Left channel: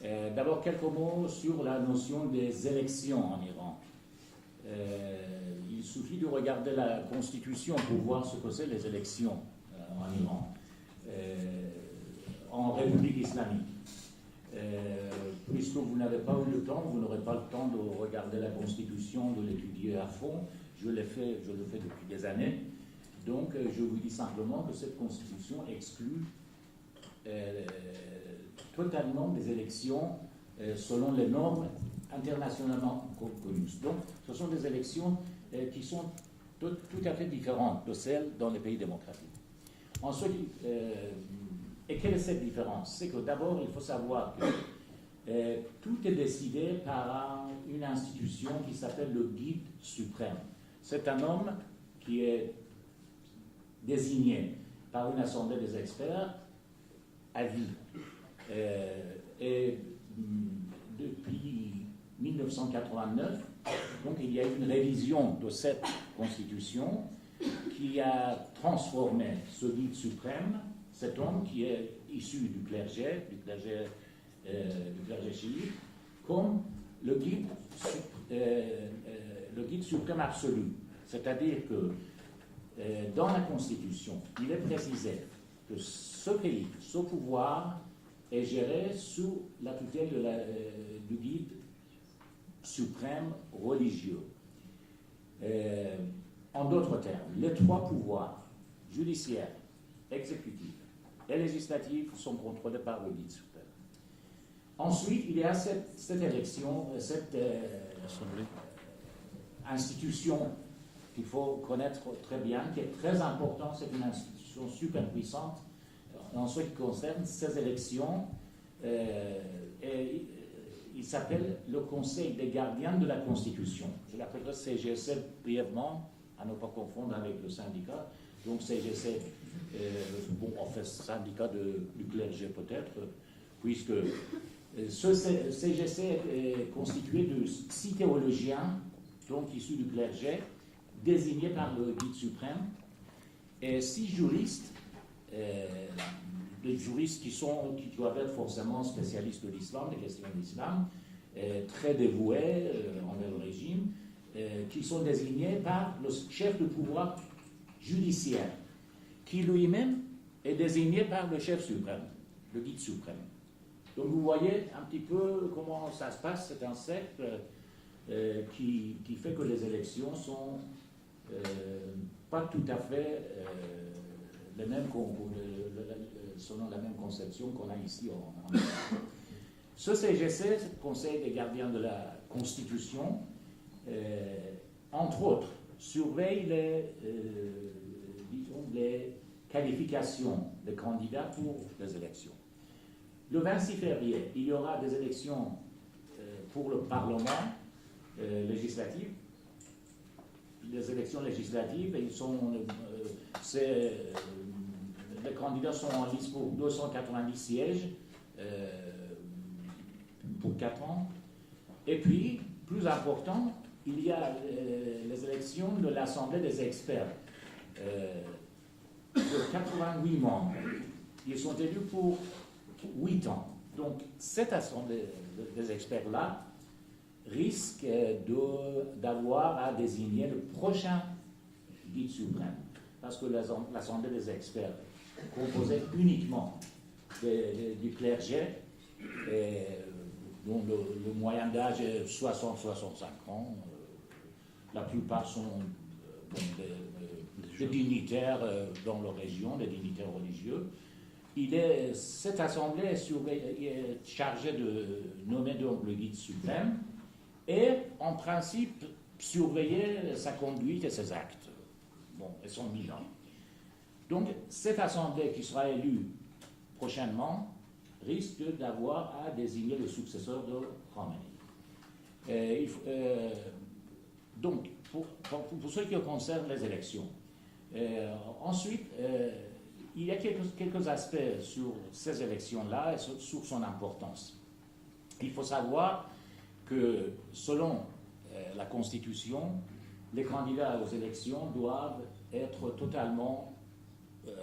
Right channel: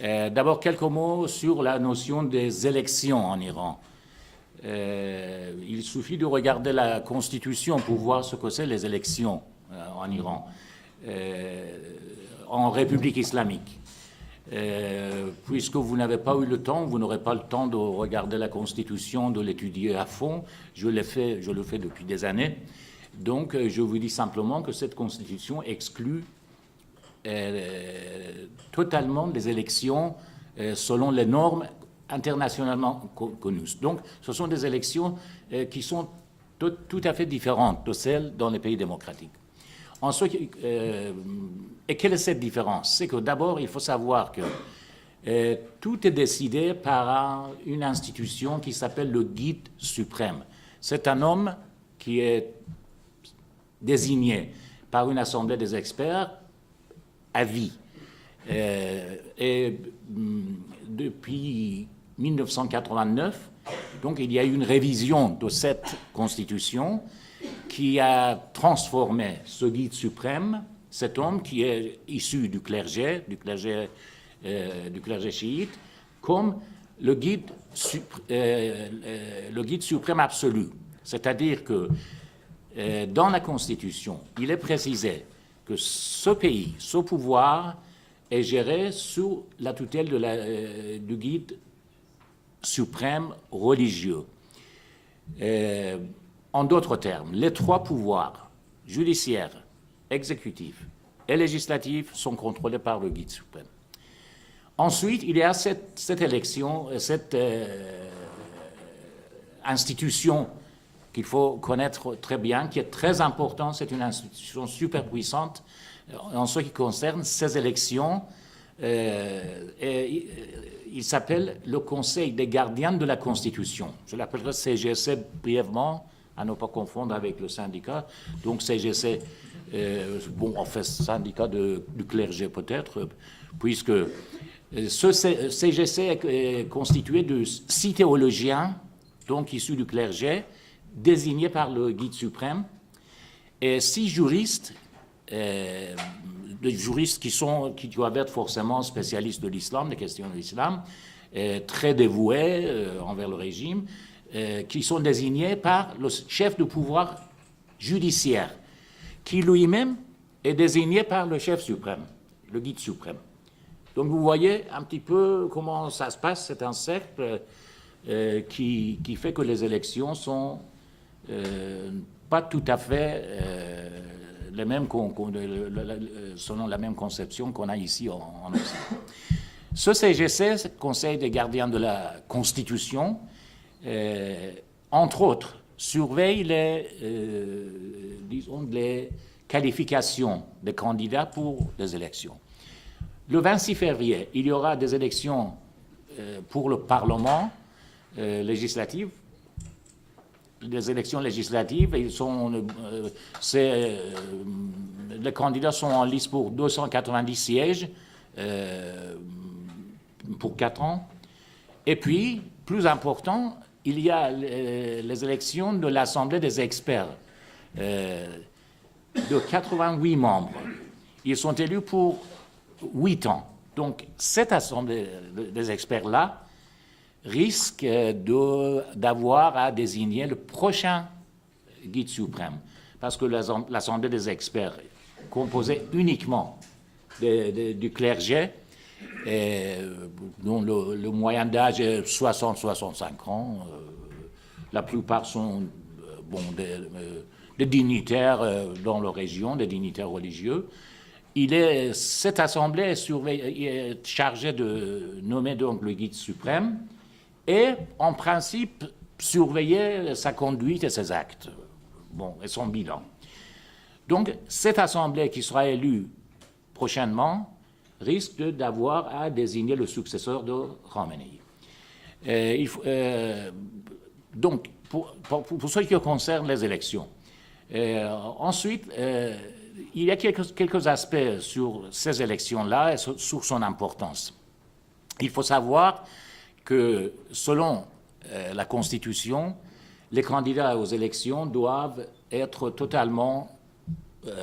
D'abord, quelques mots sur la notion des élections en Iran. Il suffit de regarder la Constitution pour voir ce que c'est les élections en Iran, en République islamique. Puisque vous n'avez pas eu le temps, vous n'aurez pas le temps de regarder la Constitution, de l'étudier à fond. Je le fais depuis des années. Donc, je vous dis simplement que cette Constitution exclut totalement les élections selon les normes internationalement connues. Donc, ce sont des élections qui sont tout à fait différentes de celles dans les pays démocratiques. Ensuite, et quelle est cette différence? C'est que d'abord, il faut savoir que tout est décidé par une institution qui s'appelle le guide suprême. C'est un homme qui est désigné par une assemblée des experts à vie. Et depuis 1989, donc il y a eu une révision de cette constitution qui a transformé ce guide suprême, cet homme qui est issu du clergé chiite, comme le guide suprême absolu. C'est-à-dire que dans la Constitution, il est précisé que ce pays, ce pouvoir, est géré sous la tutelle du guide suprême religieux. En d'autres termes, les trois pouvoirs, judiciaire, exécutif et législatif, sont contrôlés par le guide suprême. Ensuite, il y a cette élection, cette institution qu'il faut connaître très bien, qui est très importante. C'est une institution super puissante en ce qui concerne ces élections. Il s'appelle le Conseil des gardiens de la Constitution. Je l'appellerai CGC brièvement, à ne pas confondre avec le syndicat. Donc CGC, en fait, syndicat du clergé peut-être, puisque ce CGC est constitué de 6 théologiens, donc issus du clergé, désignés par le guide suprême, et 6 juristes, des juristes qui doivent être forcément spécialistes de l'islam, des questions de l'islam, très dévoués envers le régime, qui sont désignés par le chef du pouvoir judiciaire, qui lui-même est désigné par le chef suprême, le guide suprême. Donc vous voyez un petit peu comment ça se passe, c'est un cercle qui fait que les élections sont pas tout à fait les mêmes selon la même conception qu'on a ici en Occident. Ce CGC, ce Conseil des gardiens de la Constitution, entre autres, surveille les qualifications des candidats pour les élections. Le 26 février, il y aura des élections pour le Parlement législatif. Les élections législatives, les candidats sont en liste pour 290 sièges pour 4 ans. Et puis, plus important, il y a les élections de l'Assemblée des experts de 88 membres. Ils sont élus pour 8 ans. Donc, cette Assemblée des experts-là risque d'avoir à désigner le prochain guide suprême. Parce que l'Assemblée des experts est composée uniquement du clergé, dont le moyen d'âge est 60-65 ans. La plupart sont des dignitaires dans leur région, des dignitaires religieux. Cette assemblée est chargée de nommer donc le guide suprême et, en principe, surveiller sa conduite et ses actes, et son bilan. Donc, cette assemblée qui sera élue prochainement risque d'avoir à désigner le successeur de Khamenei. Donc, pour ce qui concerne les élections. Ensuite, il y a quelques aspects sur ces élections-là et sur son importance. Il faut savoir que, selon la Constitution, les candidats aux élections doivent être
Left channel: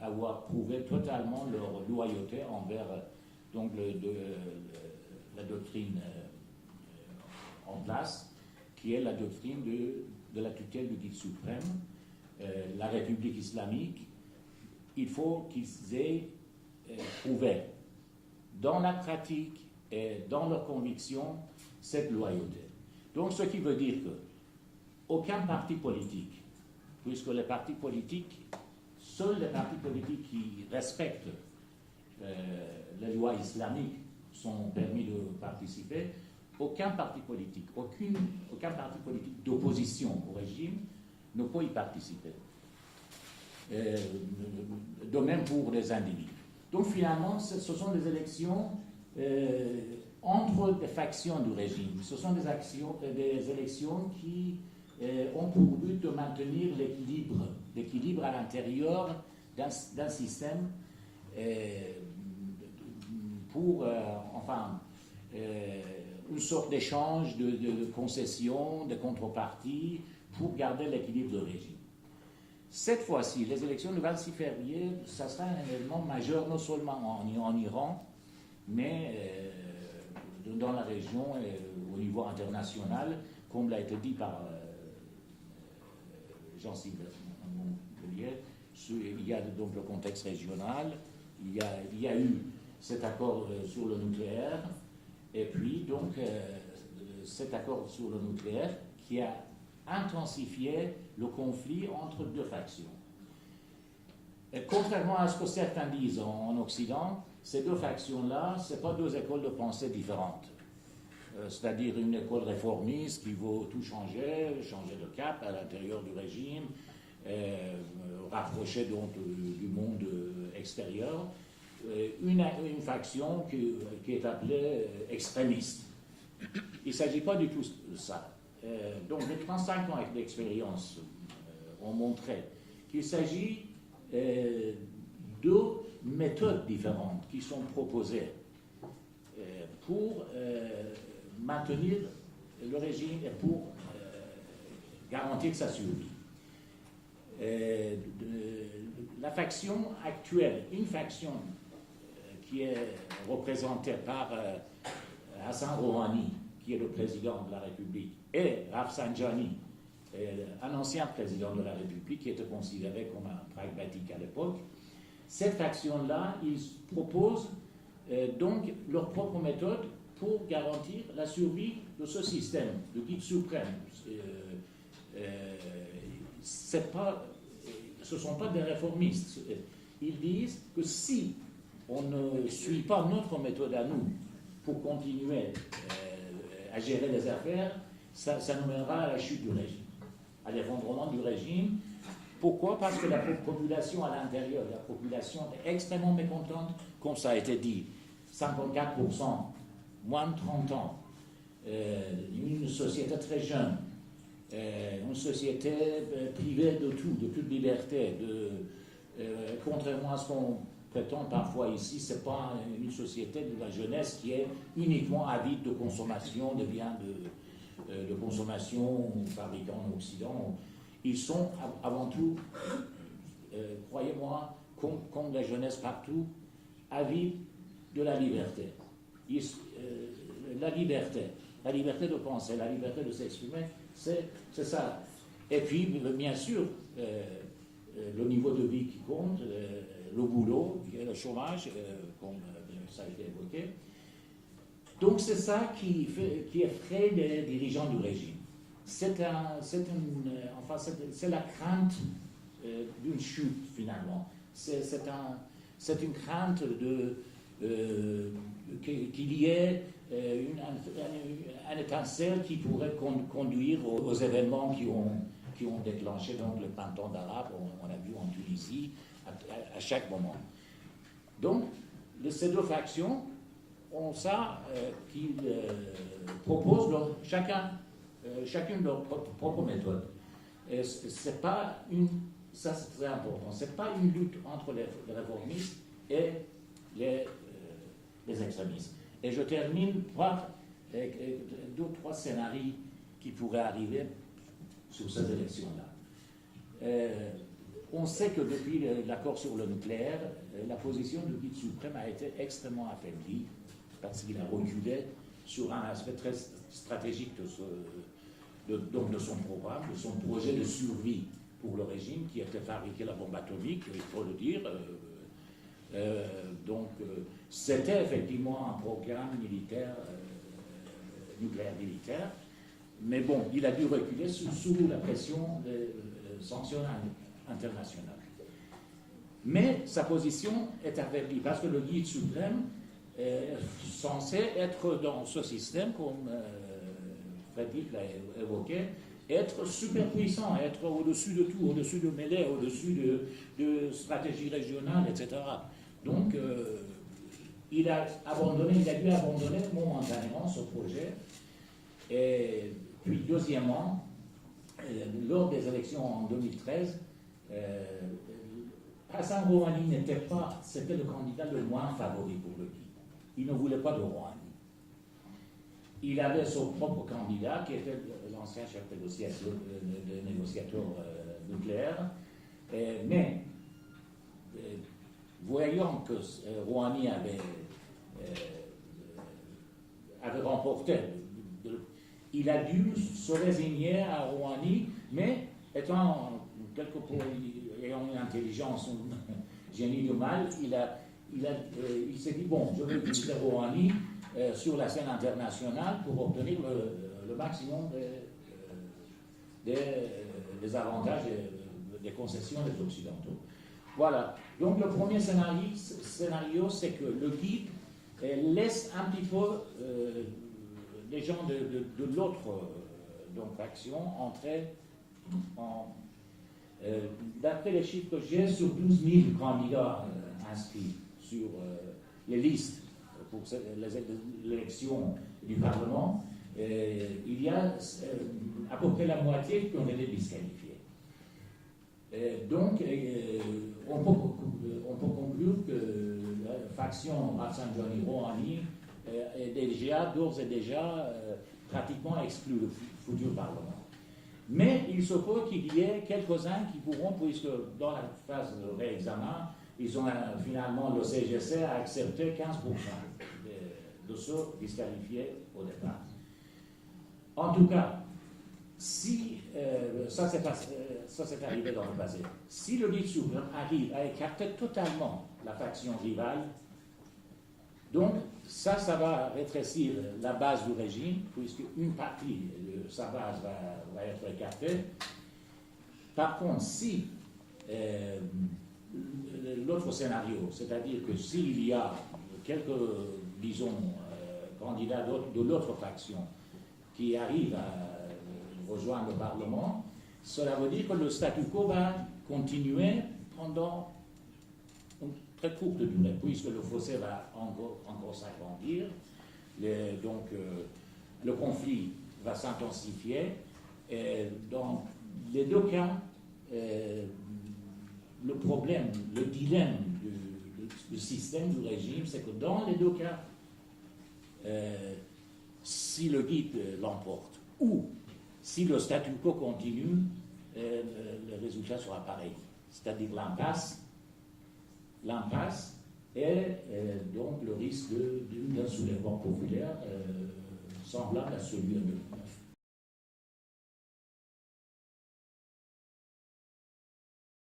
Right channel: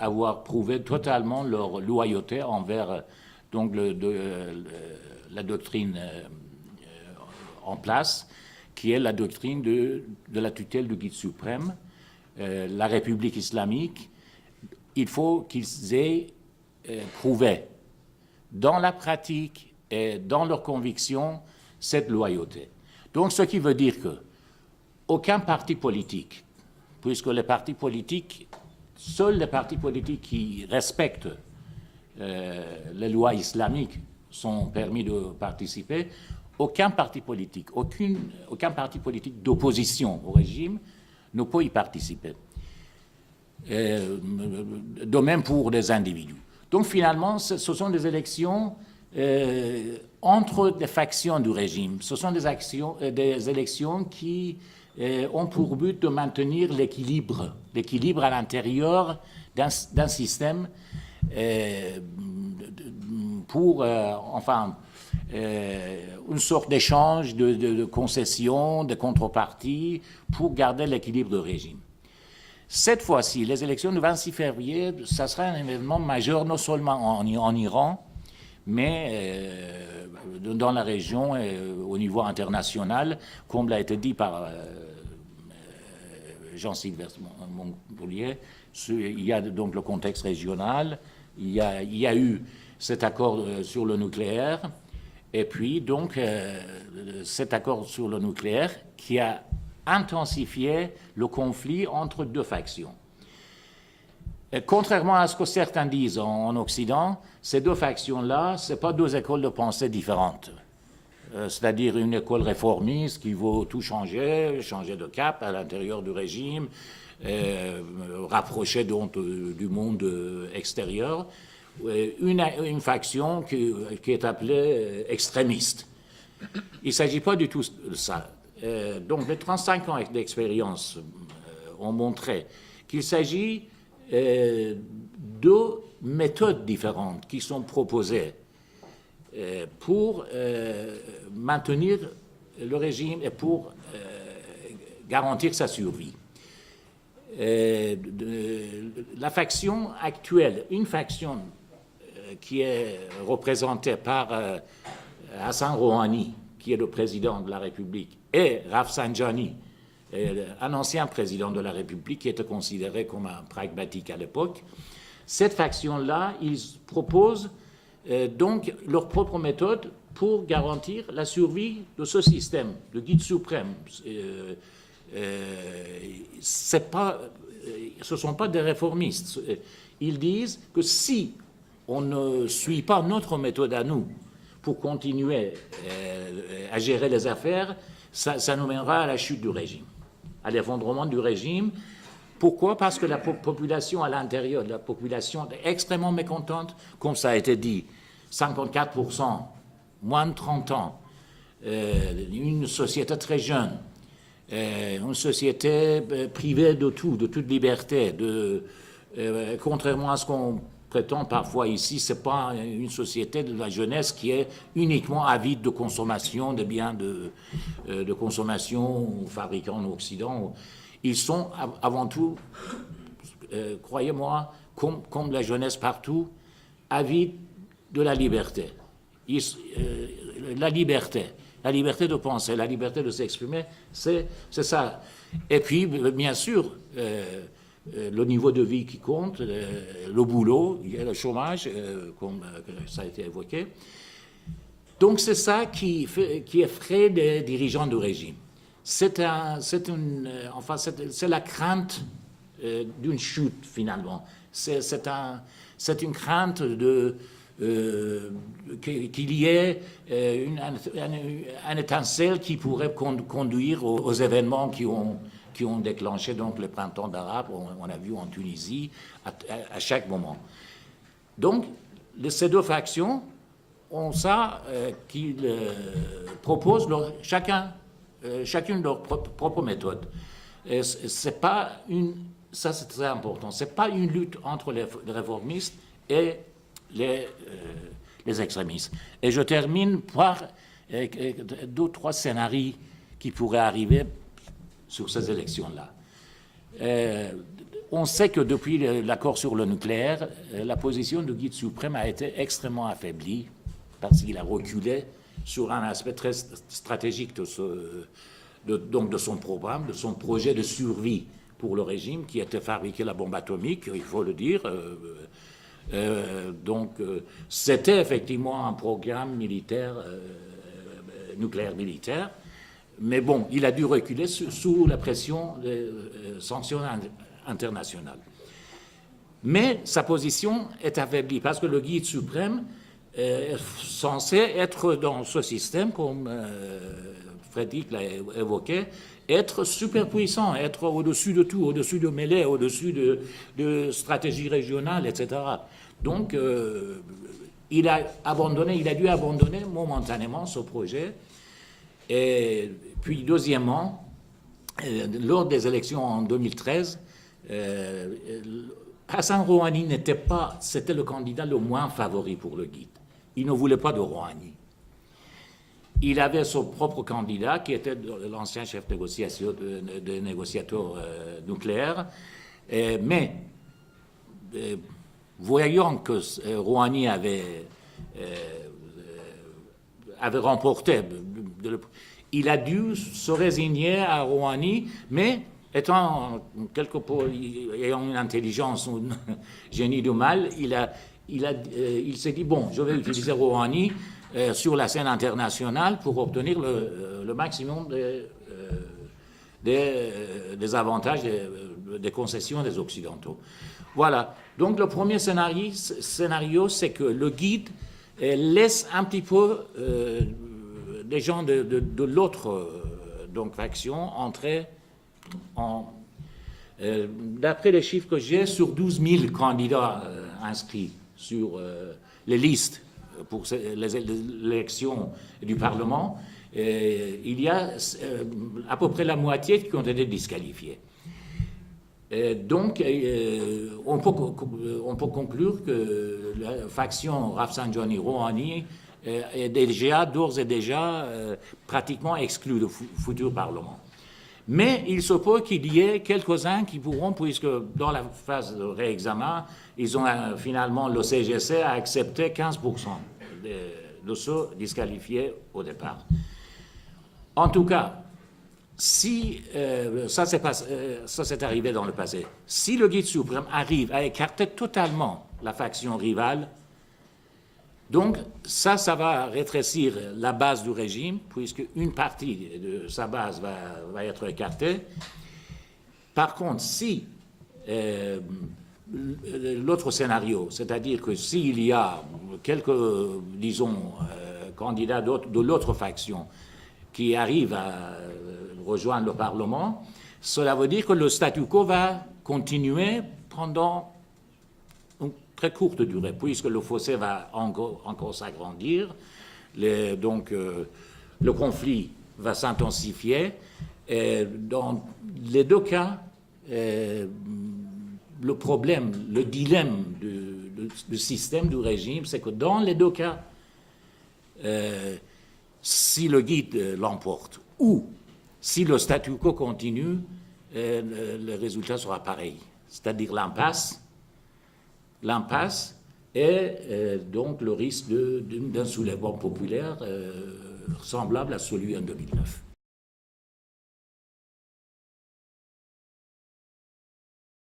avoir prouvé totalement leur loyauté envers donc, la doctrine en place, qui est la doctrine de la tutelle du guide suprême, la République islamique. Il faut qu'ils aient prouvé dans la pratique et dans leurs convictions cette loyauté. Donc, ce qui veut dire que aucun parti politique, puisque les partis politiques, seuls les partis politiques qui respectent les lois islamiques sont permis de participer, aucun parti politique, aucun parti politique d'opposition au régime ne peut y participer. De même pour des individus. Donc finalement, ce sont des élections entre des factions du régime. Ce sont des élections qui ont pour but de maintenir l'équilibre à l'intérieur d'un système pour, une sorte d'échange de concessions, de contreparties, pour garder l'équilibre du régime. Cette fois-ci, les élections du 26 février, ça sera un événement majeur, non seulement en Iran, mais dans la région et au niveau international, comme l'a été dit par Jean-Sylvestre Montgolfier. Il y a donc le contexte régional, il y a eu cet accord sur le nucléaire, et puis donc cet accord sur le nucléaire qui a intensifié le conflit entre deux factions. Et contrairement à ce que certains disent en Occident, ces deux factions-là, ce n'est pas deux écoles de pensée différentes. C'est-à-dire une école réformiste qui veut tout changer de cap à l'intérieur du régime, rapprocher donc du monde extérieur, une faction qui est appelée extrémiste. Il ne s'agit pas du tout de ça. Donc les 35 ans d'expérience ont montré qu'il s'agit de méthodes différentes qui sont proposées pour maintenir le régime et pour garantir sa survie. La faction actuelle, une faction qui est représentée par Hassan Rouhani, qui est le président de la République, et Rafsanjani, un ancien président de la République qui était considéré comme un pragmatique à l'époque. Cette faction-là, ils proposent donc leur propre méthode pour garantir la survie de ce système, le guide suprême. Ce ne sont pas des réformistes. Ils disent que si on ne suit pas notre méthode à nous pour continuer à gérer les affaires, ça nous mènera à la chute du régime, à l'effondrement du régime. Pourquoi? Parce que la population à l'intérieur, la population est extrêmement mécontente, comme ça a été dit, 54%, moins de 30 ans, une société très jeune, une société privée de tout, de toute liberté, contrairement à ce qu'on prétend parfois ici, ce n'est pas une société de la jeunesse qui est uniquement avide de consommation, de biens de consommation fabriqués en Occident. Ils sont avant tout, croyez-moi, comme la jeunesse partout, avides de la liberté. La liberté de penser, la liberté de s'exprimer, c'est ça. Et puis, bien sûr, le niveau de vie qui compte, le boulot, le chômage, comme ça a été évoqué. Donc c'est ça qui effraie des dirigeants du régime. C'est la crainte d'une chute, finalement. C'est une crainte qu'il y ait un étincelle qui pourrait conduire aux événements qui ont déclenché donc le printemps arabe, on a vu en Tunisie, à chaque moment. Donc, ces deux factions ont ça qu'ils proposent chacune leur propre méthode. C'est pas ça c'est très important, c'est pas une lutte entre les réformistes et les extrémistes. Et je termine par deux ou trois scénarios qui pourraient arriver sur ces élections-là. On sait que depuis l'accord sur le nucléaire, la position du guide suprême a été extrêmement affaiblie parce qu'il a reculé sur un aspect très stratégique donc de son programme, de son projet de survie pour le régime qui était fabriquer la bombe atomique, il faut le dire. C'était effectivement un programme militaire, nucléaire militaire, mais bon, il a dû reculer sous la pression des sanctions internationales. Mais sa position est affaiblie parce que le guide suprême est censé être dans ce système, comme Frédéric l'a évoqué, être super puissant, être au-dessus de tout, au-dessus de mêlée, au-dessus de stratégie régionale, etc. Donc, il a dû abandonner momentanément ce projet. Et puis, deuxièmement, lors des élections en 2013, Hassan Rouhani c'était le candidat le moins favori pour le guide. Il ne voulait pas de Rouhani. Il avait son propre candidat, qui était l'ancien chef de négociateur nucléaire, mais voyant que Rouhani avait remporté, il a dû se résigner à Rouhani, mais ayant une intelligence, un génie du mal, il s'est dit, bon, je vais utiliser Rouhani sur la scène internationale pour obtenir le maximum des avantages, des concessions des Occidentaux. Voilà. Donc le premier scénario, c'est que le guide laisse un petit peu des gens de l'autre faction entrer d'après les chiffres que j'ai, sur 12 000 candidats inscrits sur les listes pour l'élection du Parlement, il y a à peu près la moitié qui ont été disqualifiés. Donc, on peut conclure que la faction Rafsanjani Rouhani est d'ores et déjà pratiquement exclue du futur Parlement. Mais il se peut qu'il y ait quelques-uns qui pourront, puisque dans la phase de réexamen, finalement, le CGC a accepté 15% de ceux disqualifiés au départ. En tout cas, si ça s'est arrivé dans le passé, si le guide suprême arrive à écarter totalement la faction rivale, donc ça va rétrécir la base du régime, puisque une partie de sa base va être écartée. Par contre, si l'autre scénario, c'est-à-dire que s'il y a quelques, disons, candidats de l'autre faction qui arrivent à rejoindre le Parlement, cela veut dire que le statu quo va continuer pendant une très courte durée, puisque le fossé va encore s'agrandir, donc le conflit va s'intensifier. Dans les deux cas, le problème, le dilemme du système, du régime, c'est que dans les deux cas, si le guide l'emporte ou si le statu quo continue, le résultat sera pareil, c'est-à-dire l'impasse et donc le risque d'un soulèvement populaire semblable à celui en 2009.